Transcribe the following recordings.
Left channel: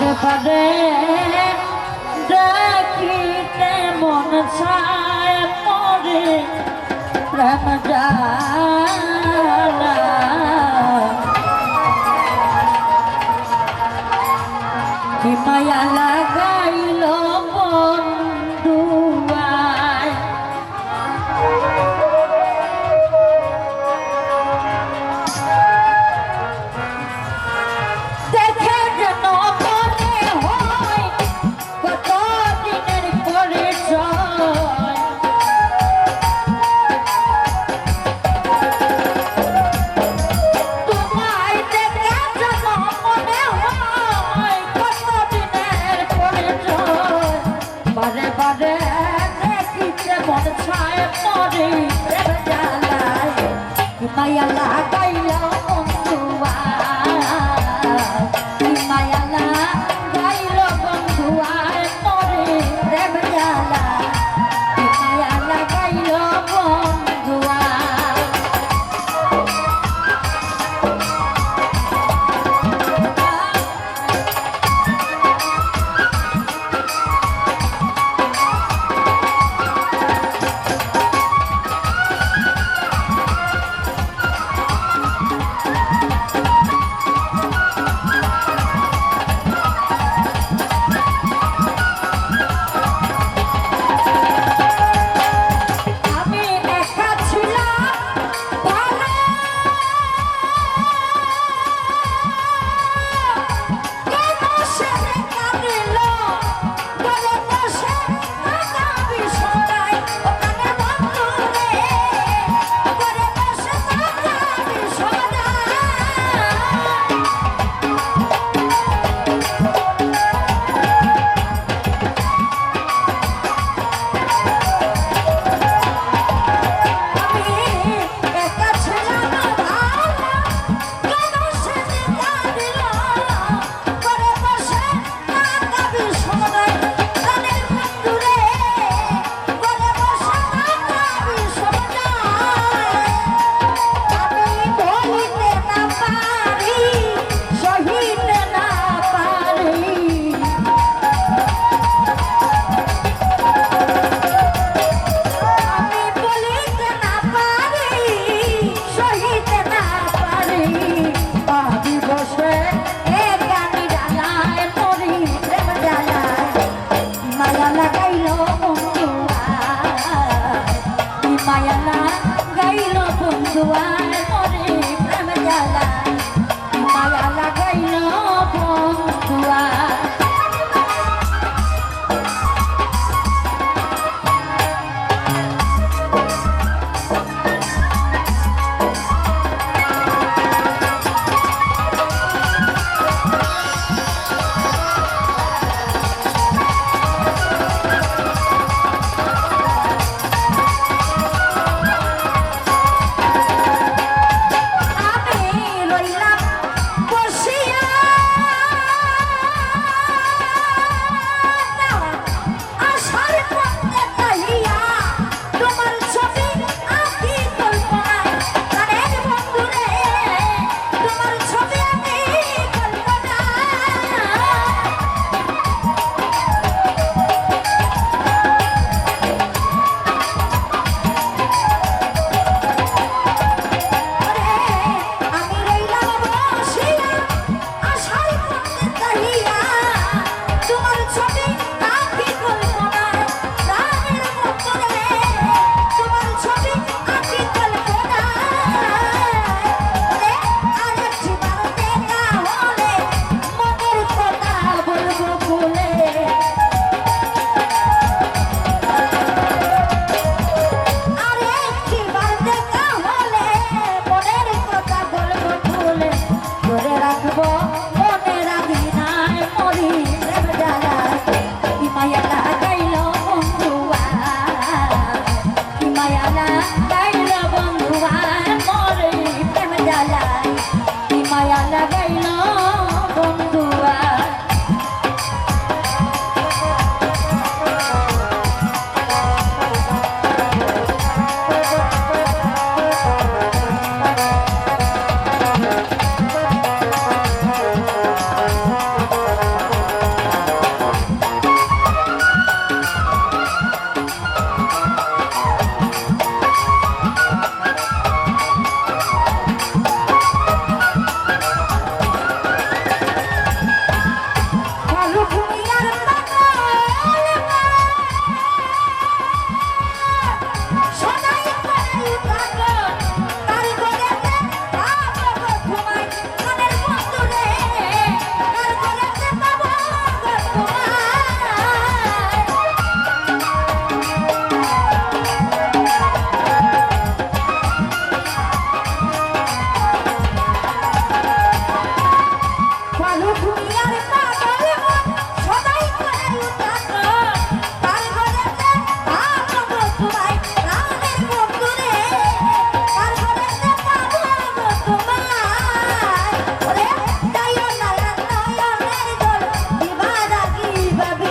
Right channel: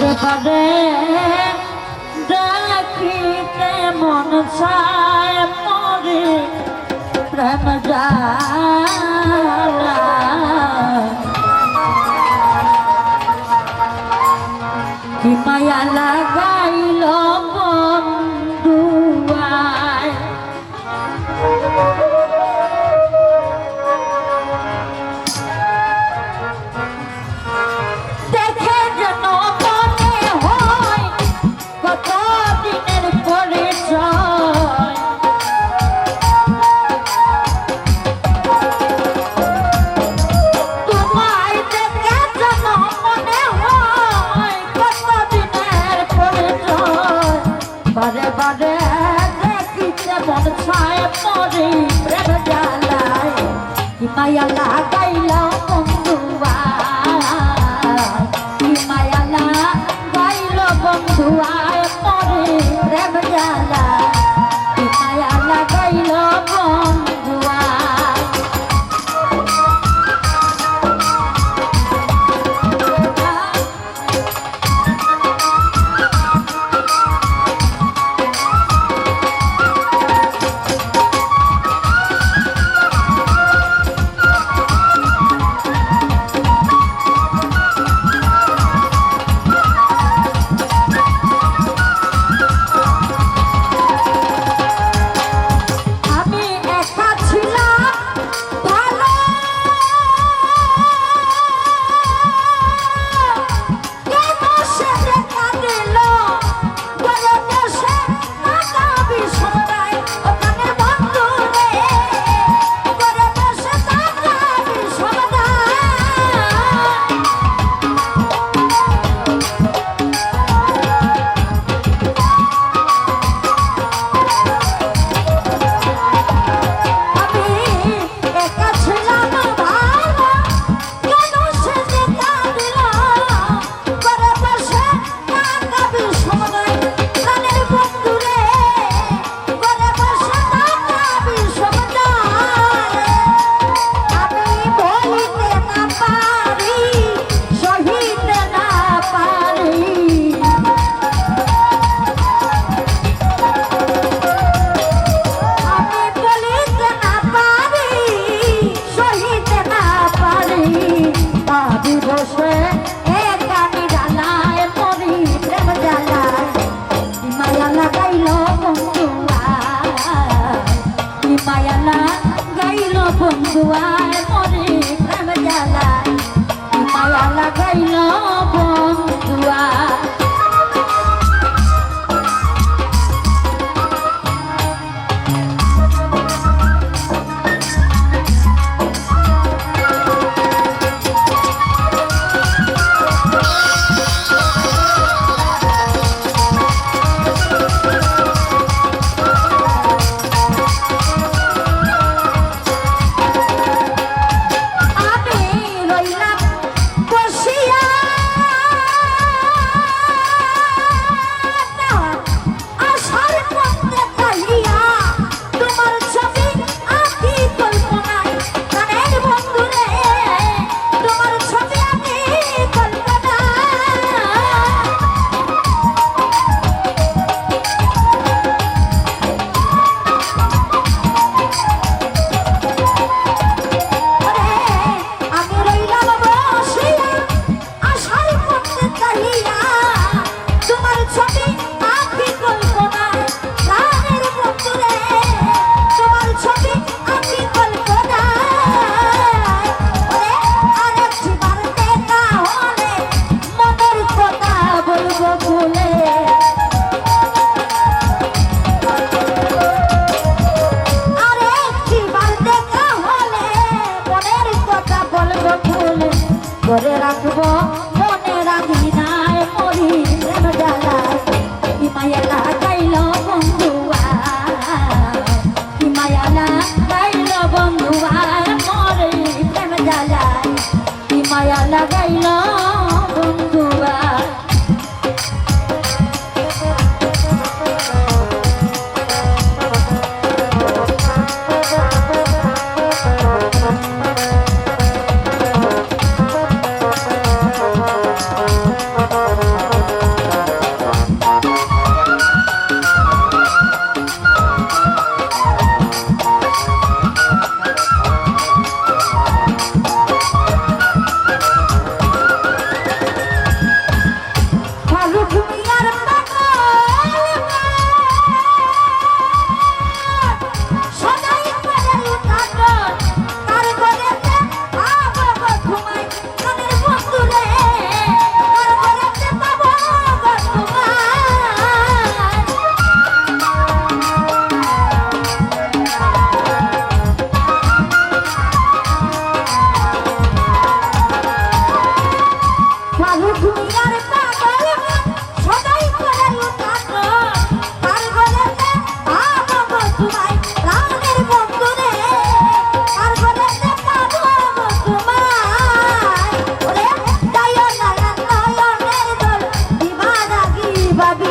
আসরে দেখিতে মন ছায় মরে প্রেম কি মায়া লাগা বাবারে, দেখিতে মন ছায় পরে প্রেম জ্বালায় মায়া লাগাইল বন্ধুয়া মায়া লাগাইল বন্ধুয়া পরে প্রেম জ্বালায় Wow.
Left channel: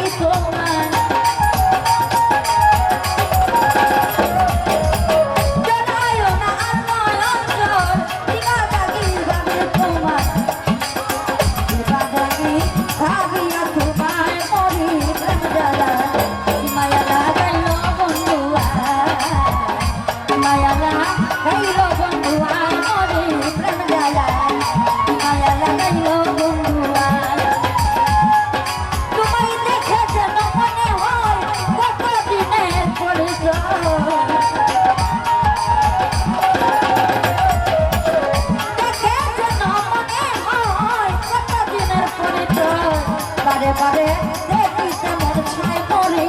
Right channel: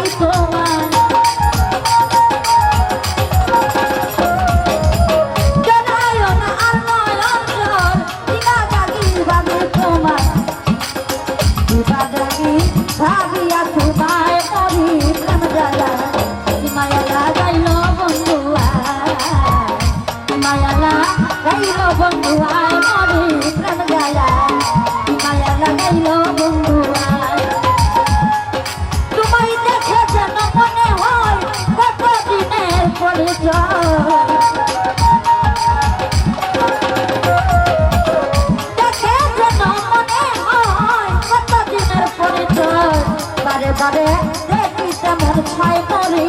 Oh, রে পিতা মন ছয় করে